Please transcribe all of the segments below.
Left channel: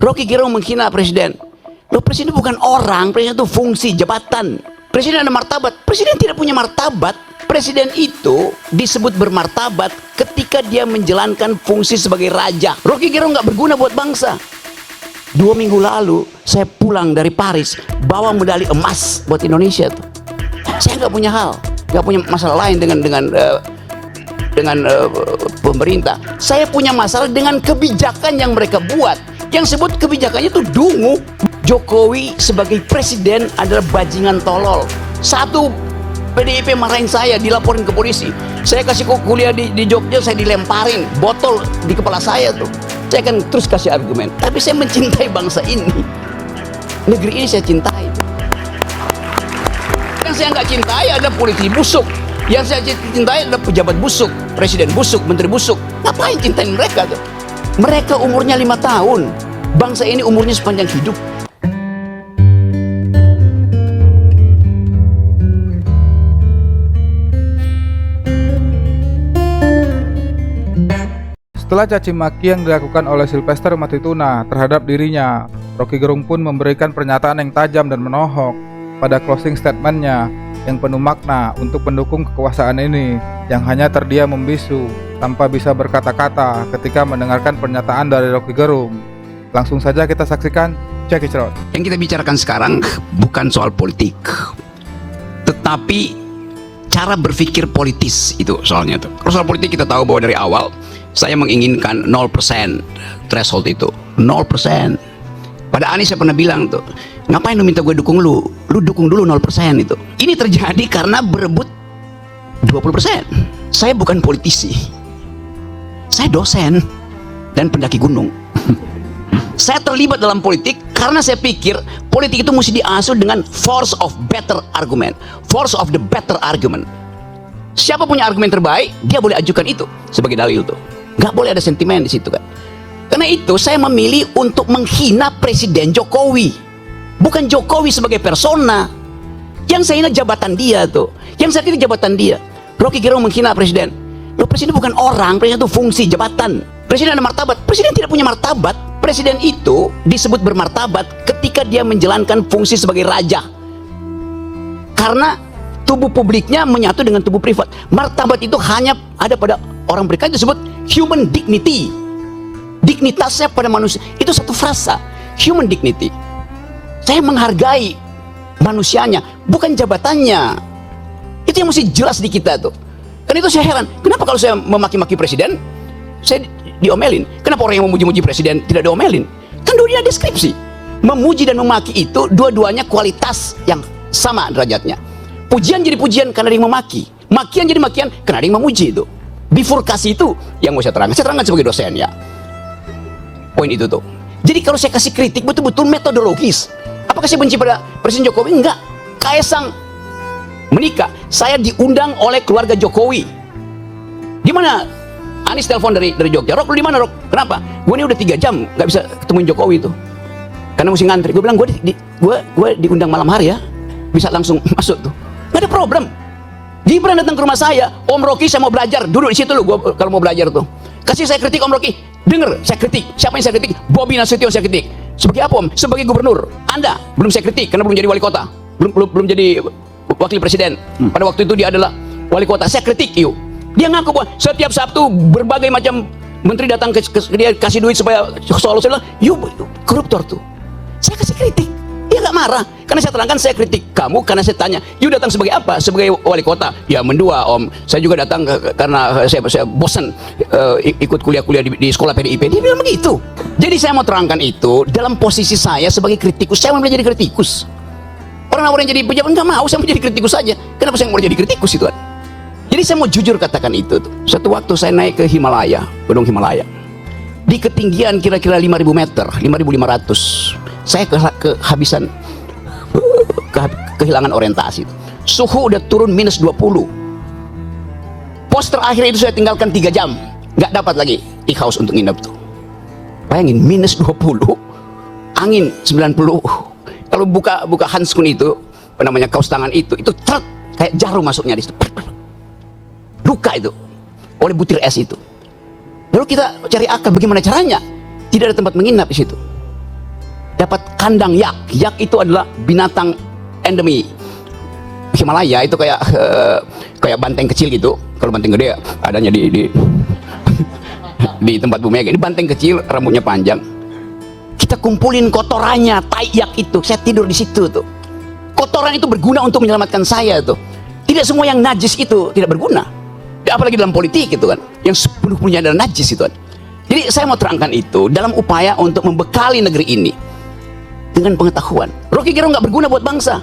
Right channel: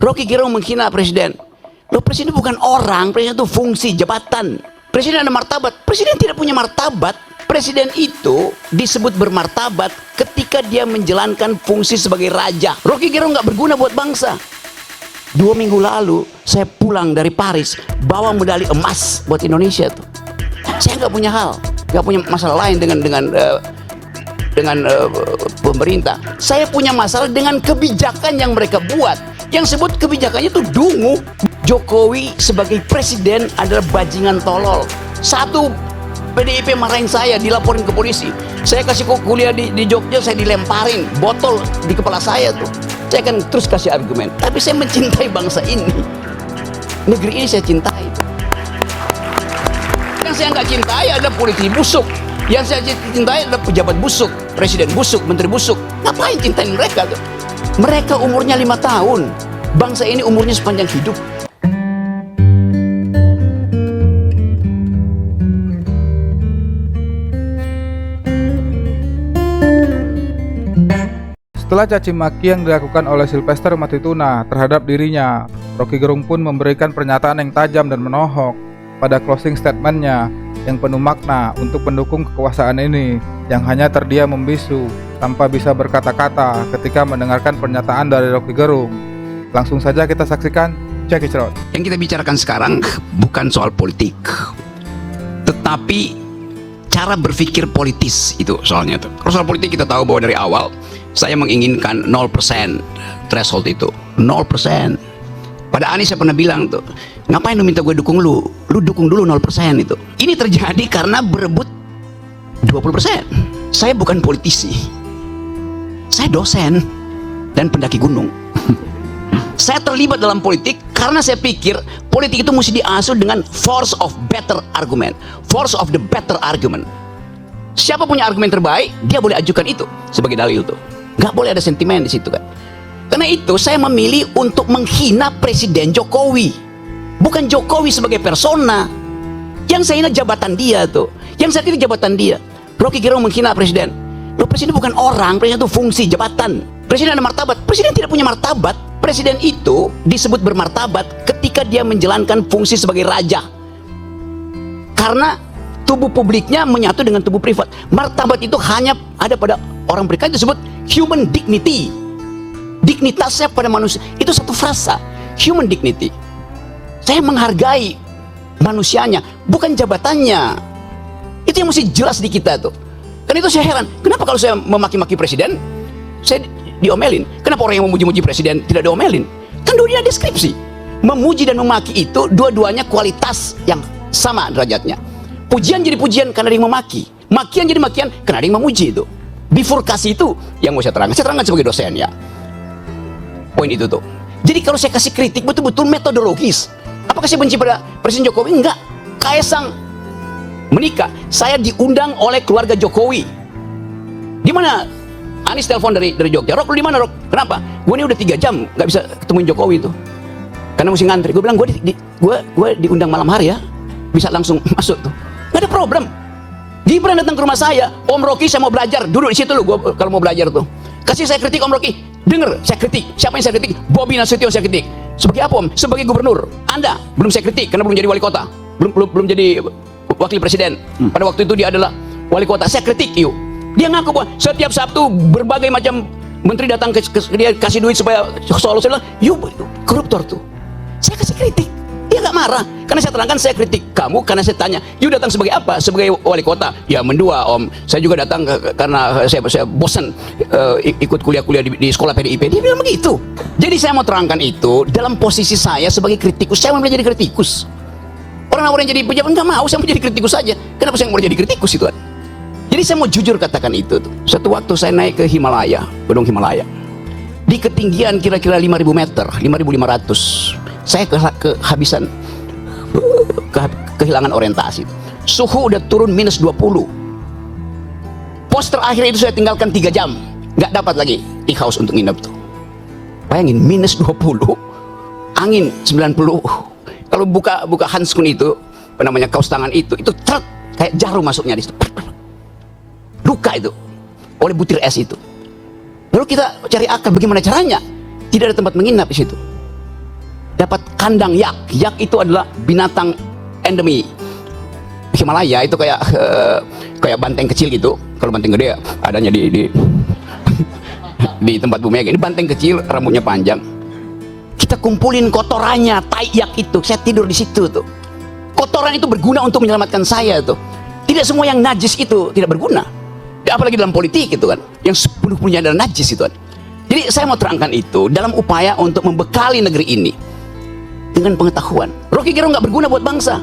Rocky Gerung menghina presiden. Loh, presiden bukan orang, presiden itu fungsi, jabatan. Presiden ada martabat, presiden tidak punya martabat. Presiden itu disebut bermartabat ketika dia menjalankan fungsi sebagai raja. Rocky Gerung nggak berguna buat bangsa. 2 minggu lalu saya pulang dari Paris bawa medali emas buat Indonesia tuh. Saya nggak punya hal, nggak punya masalah lain dengan pemerintah. Saya punya masalah dengan kebijakan yang mereka buat. Yang sebut kebijakannya itu dungu. Jokowi sebagai presiden adalah bajingan tolol. Satu, PDIP marahin saya, dilaporin ke polisi. Saya kasih kuliah di Jogja, saya dilemparin botol di kepala saya tuh. Saya akan terus kasih argumen. Tapi saya mencintai bangsa ini. Negeri ini saya cintai. Yang saya nggak cintai adalah politisi busuk. Yang saya cintai adalah pejabat busuk, presiden busuk, menteri busuk. Ngapain cintain mereka tuh? Mereka umurnya 5 tahun. Bangsa ini umurnya sepanjang hidup. Setelah caci maki yang dilakukan oleh Sylvester Matituna terhadap dirinya, Rocky Gerung pun memberikan pernyataan yang tajam dan menohok pada closing statementnya yang penuh makna untuk pendukung kekuasaan ini yang hanya terdiam membisu tanpa bisa berkata-kata ketika mendengarkan pernyataan dari Rocky Gerung. Langsung saja kita saksikan, check it out. Yang kita bicarakan sekarang bukan soal politik, tetapi cara berpikir politis itu soalnya tuh. Soal politik kita tahu bahwa dari awal saya menginginkan 0% threshold itu, 0%. Pada Anies saya pernah bilang tuh, ngapain lu minta gue dukung lu? Lu dukung dulu 0% itu. Ini terjadi karena berebut 20%. Saya bukan politisi. Saya dosen dan pendaki gunung. Saya terlibat dalam politik karena saya pikir politik itu mesti diasuh dengan force of better argument. Force of the better argument. Siapa punya argumen terbaik, dia boleh ajukan itu sebagai dalil itu. Gak boleh ada sentimen di situ. Karena itu saya memilih untuk menghina Presiden Jokowi. Bukan Jokowi sebagai persona. Yang saya hina jabatan dia tuh. Yang saya pilih jabatan dia. Rocky Gerung menghina presiden. Loh, presiden bukan orang, presiden itu fungsi, jabatan. Presiden ada martabat, presiden tidak punya martabat. Presiden itu disebut bermartabat ketika dia menjalankan fungsi sebagai raja. Karena tubuh publiknya menyatu dengan tubuh privat. Martabat itu hanya ada pada orang berikut, itu disebut human dignity. Dignitasnya pada manusia itu satu frasa, human dignity. Saya menghargai manusianya, bukan jabatannya. Itu yang mesti jelas di kita tuh. Karena itu saya heran, kenapa kalau saya memaki-maki presiden, saya diomelin? Kenapa orang yang memuji-muji presiden tidak diomelin? Kan dua-duanya deskripsi. Memuji dan memaki itu dua-duanya kualitas yang sama derajatnya. Pujian jadi pujian karena ada yang memaki, makian jadi makian karena ada yang memuji itu. Bifurkasi itu yang mau saya terangkan sebagai dosen ya. Poin itu tuh. Jadi kalau saya kasih kritik betul-betul metodologis. Apakah saya benci pada Presiden Jokowi? Enggak. Kaisang menikah, saya diundang oleh keluarga Jokowi. Gimana? Anies telepon dari Jogja. Rok, lu di mana, Rok? Kenapa? Gue ini udah 3 jam nggak bisa ketemuin Jokowi itu. Karena mesti ngantri. Gue bilang gue diundang malam hari ya. Bisa langsung masuk tuh. Gak ada problem. Dia pernah datang ke rumah saya, Om Rocky saya mau belajar, duduk di situ lu gua kalau mau belajar tuh. Kasih saya kritik Om Rocky. Dengar, saya kritik. Siapa yang saya kritik? Bobi Nasution saya kritik. Sebagai apa Om? Sebagai gubernur. Anda belum saya kritik karena belum jadi wali kota. Belum jadi wakil presiden. Pada waktu itu dia adalah wali kota. Saya kritik yuk. Dia ngaku bahwa setiap Sabtu berbagai macam menteri datang ke dia kasih duit supaya soal-soal. Yuk, koruptor tuh. Saya kasih kritik. Dia nggak marah, karena saya terangkan saya kritik kamu karena saya tanya, you datang sebagai apa? Sebagai wali kota? Ya mendua Om, saya juga datang karena saya bosan ikut kuliah-kuliah di sekolah PDIP. Dia bilang begitu. Jadi saya mau terangkan itu dalam posisi saya sebagai kritikus. Saya mau jadi kritikus. Orang-orang yang jadi pejabat nggak mau, saya mau jadi kritikus saja. Kenapa saya mau jadi kritikus itu kan? Jadi saya mau jujur katakan itu tuh. Suatu waktu saya naik ke Himalaya, Gunung Himalaya, di ketinggian kira-kira 5.000 meter, 5.500. Saya kehabisan, kehilangan orientasi. Suhu udah turun minus 20. Pos terakhir itu saya tinggalkan 3 jam. Nggak dapat lagi di house untuk nginep tuh. Bayangin, minus 20, angin 90. Kalau buka handskun itu, apa namanya, kaos tangan itu kayak jarum masuknya di situ. Buka itu oleh butir es itu. Lalu kita cari akal bagaimana caranya. Tidak ada tempat menginap di situ. dapat kandang yak. Yak itu adalah binatang endemi Himalaya, itu kayak banteng kecil gitu. Kalau banteng gede adanya di tempat Bu Mega. Ini banteng kecil, rambutnya panjang. Kita kumpulin kotorannya, tai yak itu. Saya tidur di situ tuh. Kotoran itu berguna untuk menyelamatkan saya tuh. Tidak semua yang najis itu tidak berguna. Ya, apalagi dalam politik itu kan, yang sepenuhnya adalah najis itu kan. Jadi saya mau terangkan itu dalam upaya untuk membekali negeri ini dengan pengetahuan. Rocky Gerung nggak berguna buat bangsa.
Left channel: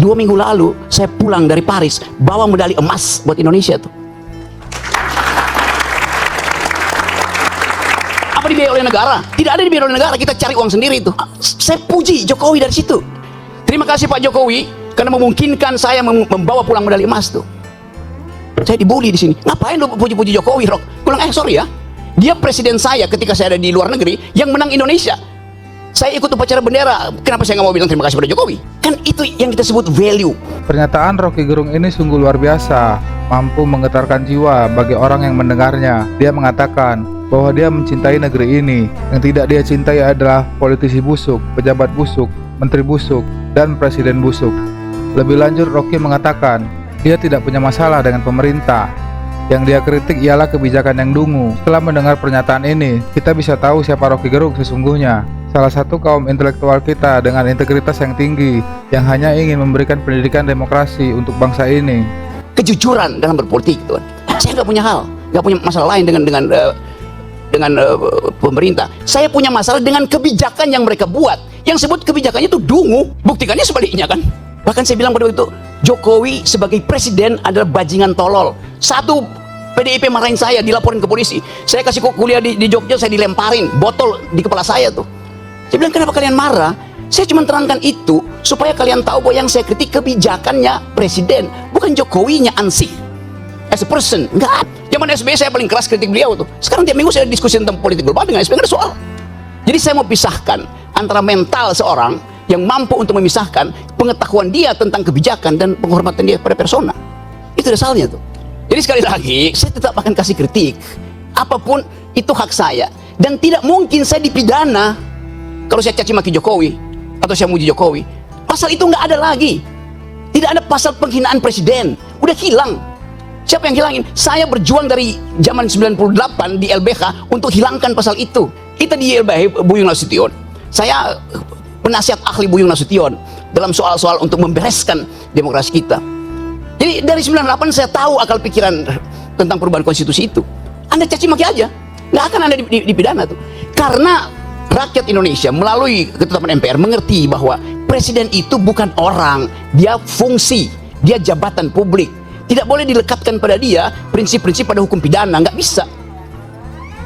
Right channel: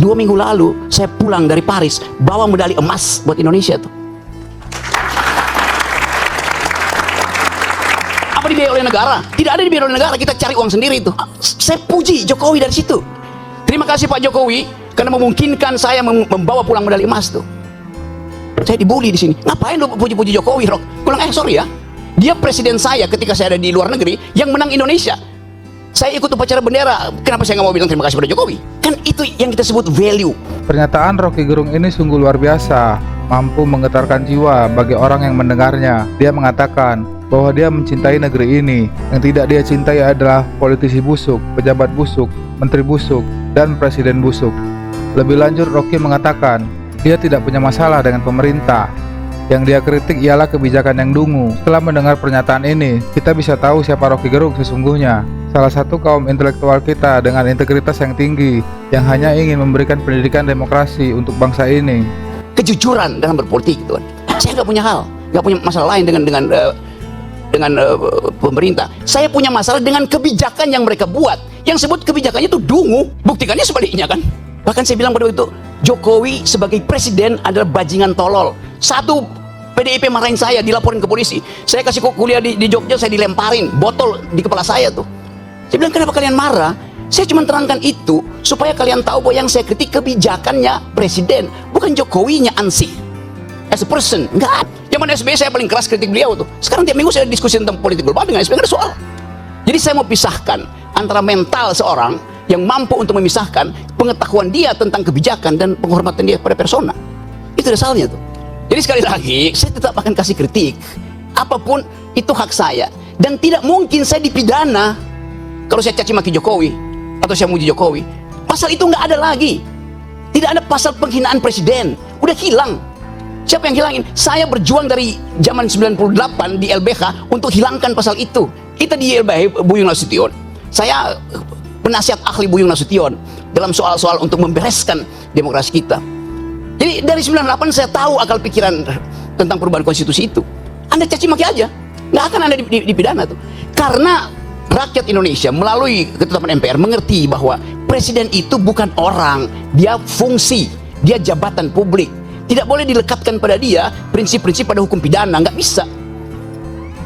2 minggu lalu saya pulang dari Paris bawa medali emas buat Indonesia tuh. Apa dibiayai oleh negara? Tidak ada dibiayai oleh negara, kita cari uang sendiri itu. Saya puji Jokowi dari situ. Terima kasih Pak Jokowi karena memungkinkan saya membawa pulang medali emas tuh. Saya dibully di sini. Ngapain lu puji-puji Jokowi, Rok? Sorry ya. Dia presiden saya ketika saya ada di luar negeri yang menang Indonesia. Saya ikut upacara bendera. Kenapa saya nggak mau bilang terima kasih pada Jokowi? Kan itu yang kita sebut value. Pernyataan Rocky Gerung ini sungguh luar biasa, mampu menggetarkan jiwa bagi orang yang mendengarnya. Dia mengatakan bahwa dia mencintai negeri ini. Yang tidak dia cintai adalah politisi busuk, pejabat busuk, menteri busuk, dan presiden busuk. Lebih lanjut, Rocky mengatakan dia tidak punya masalah dengan pemerintah. Yang dia kritik ialah kebijakan yang dungu. Setelah mendengar pernyataan ini, kita bisa tahu siapa Rocky Gerung sesungguhnya. Salah satu kaum intelektual kita dengan integritas yang tinggi, yang hanya ingin memberikan pendidikan demokrasi untuk bangsa ini. Kejujuran dalam berpolitik. Saya nggak punya nggak punya masalah lain dengan pemerintah. Saya punya masalah dengan kebijakan yang mereka buat. Yang sebut kebijakannya itu dungu, buktikannya sebaliknya kan. Bahkan saya bilang pada waktu itu, Jokowi sebagai presiden adalah bajingan tolol. Satu PDIP marahin saya, dilaporin ke polisi. Saya kasih kuliah di Jogja, saya dilemparin botol di kepala saya tuh. Saya bilang, kenapa kalian marah? Saya cuma terangkan itu supaya kalian tahu bahwa yang saya kritik kebijakannya presiden, bukan Jokowinya ansih. As a person, enggak. Zaman SBY saya paling keras kritik beliau tuh. Sekarang tiap minggu saya diskusi tentang politik global dengan SBY, nggak ada soal. Jadi saya mau pisahkan antara mental seorang yang mampu untuk memisahkan pengetahuan dia tentang kebijakan dan penghormatan dia pada persona. Itu dasarnya tuh. Jadi sekali lagi, saya tetap akan kasih kritik. Apapun itu hak saya. Dan tidak mungkin saya dipidana kalau saya caci maki Jokowi atau saya muji Jokowi. Pasal itu nggak ada lagi. Tidak ada pasal penghinaan presiden. Udah hilang. Siapa yang hilangin? Saya berjuang dari zaman 98 di LBH untuk hilangkan pasal itu. Kita di LBH, Buyung Nasution. Saya penasihat ahli Buyung Nasution dalam soal-soal untuk membereskan demokrasi kita. Jadi dari 98 saya tahu akal pikiran tentang perubahan konstitusi itu. Anda caci maki aja, nggak akan Anda dipidana tuh. Karena rakyat Indonesia melalui ketetapan MPR mengerti bahwa presiden itu bukan orang, dia fungsi, dia jabatan publik. Tidak boleh dilekatkan pada dia prinsip-prinsip pada hukum pidana, nggak bisa.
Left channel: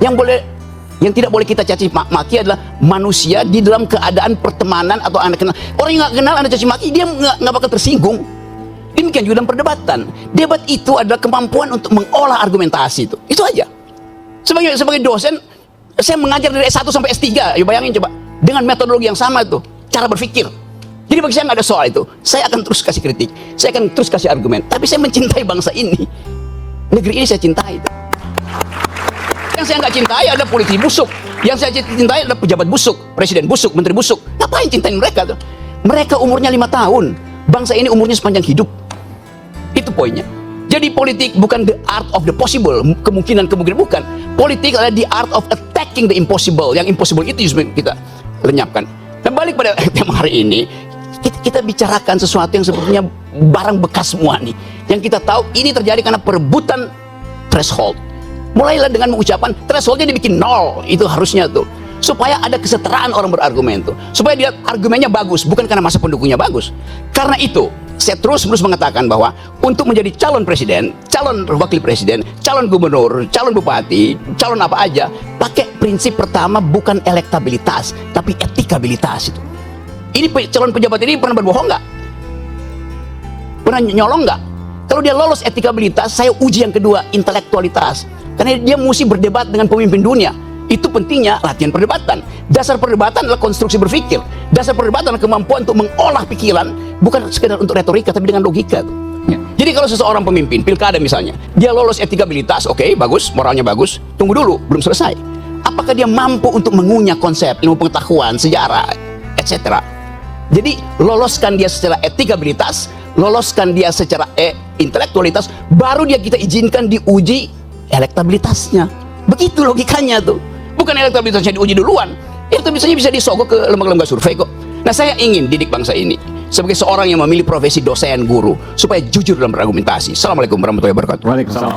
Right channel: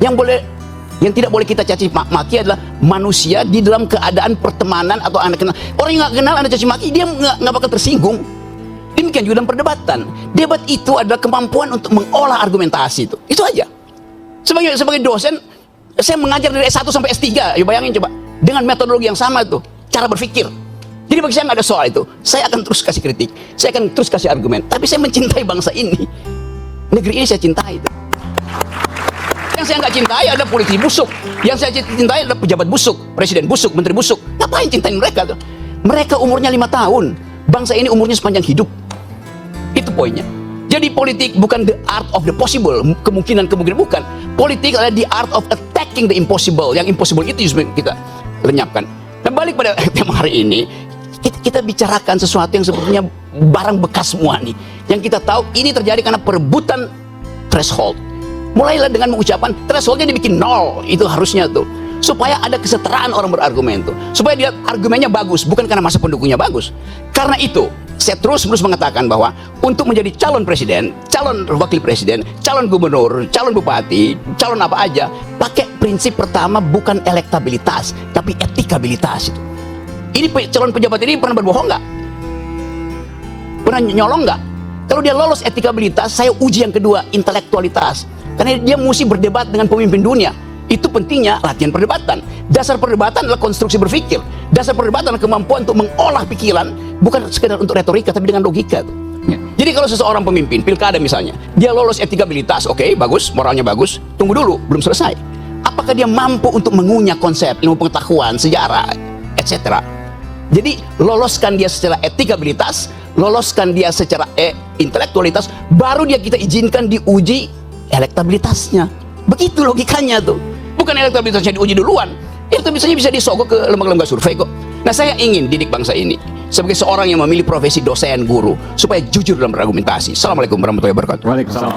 Yang tidak boleh kita caci maki adalah manusia di dalam keadaan pertemanan atau Anda kenal. Orang yang nggak kenal Anda caci maki, dia nggak bakal tersinggung. Demikian juga dalam perdebatan. Debat itu adalah kemampuan untuk mengolah argumentasi itu. Itu aja. Sebagai dosen, saya mengajar dari S1 sampai S3. Ayo bayangin coba. Dengan metodologi yang sama itu, cara berpikir. Jadi bagi saya nggak ada soal itu. Saya akan terus kasih kritik. Saya akan terus kasih argumen. Tapi saya mencintai bangsa ini. Negeri ini saya cintai. Yang saya nggak cintai ada politisi busuk. Yang saya cintai adalah pejabat busuk, presiden busuk, menteri busuk. Ngapain cintain mereka tuh? Mereka umurnya 5 tahun. Bangsa ini umurnya sepanjang hidup. Itu poinnya. Jadi politik bukan the art of the possible. Kemungkinan bukan. Politik adalah the art of attacking the impossible. Yang impossible itu yang kita lenyapkan. Dan balik pada tema hari ini, kita bicarakan sesuatu yang sebenarnya barang bekas semua nih. Yang kita tahu ini terjadi karena perebutan threshold. Mulailah dengan mengucapkan thresholdnya dibikin 0. Itu harusnya tuh. Supaya ada kesetaraan orang berargumen tuh. Supaya dia argumennya bagus, bukan karena masa pendukungnya bagus. Karena itu, saya terus mengatakan bahwa untuk menjadi calon presiden, calon wakil presiden, calon gubernur, calon bupati, calon apa aja, pakai prinsip pertama bukan elektabilitas, tapi etikabilitas. Ini calon pejabat ini pernah berbohong nggak? Pernah nyolong nggak? Kalau dia lolos etikabilitas, saya uji yang kedua, intelektualitas. Karena dia mesti berdebat dengan pemimpin dunia. Itu pentingnya latihan perdebatan. Dasar perdebatan adalah konstruksi berpikir. Dasar perdebatan adalah kemampuan untuk mengolah pikiran, bukan sekedar untuk retorika, tapi dengan logika. Jadi kalau seseorang pemimpin, pilkada misalnya, dia lolos etikabilitas, oke, bagus, moralnya bagus, tunggu dulu, belum selesai. Apakah dia mampu untuk mengunyah konsep ilmu pengetahuan, sejarah, etc. Jadi loloskan dia secara etikabilitas, loloskan dia secara intelektualitas, baru dia kita izinkan diuji elektabilitasnya. Begitu logikanya tuh. Bukan elektabilitasnya diuji duluan. Elektabilitasnya bisa disogok ke lembaga-lembaga survei kok. Nah, saya ingin didik bangsa ini sebagai seorang yang memilih profesi dosen guru supaya jujur dalam berargumentasi. Assalamualaikum warahmatullahi wabarakatuh. Waalaikumsalam.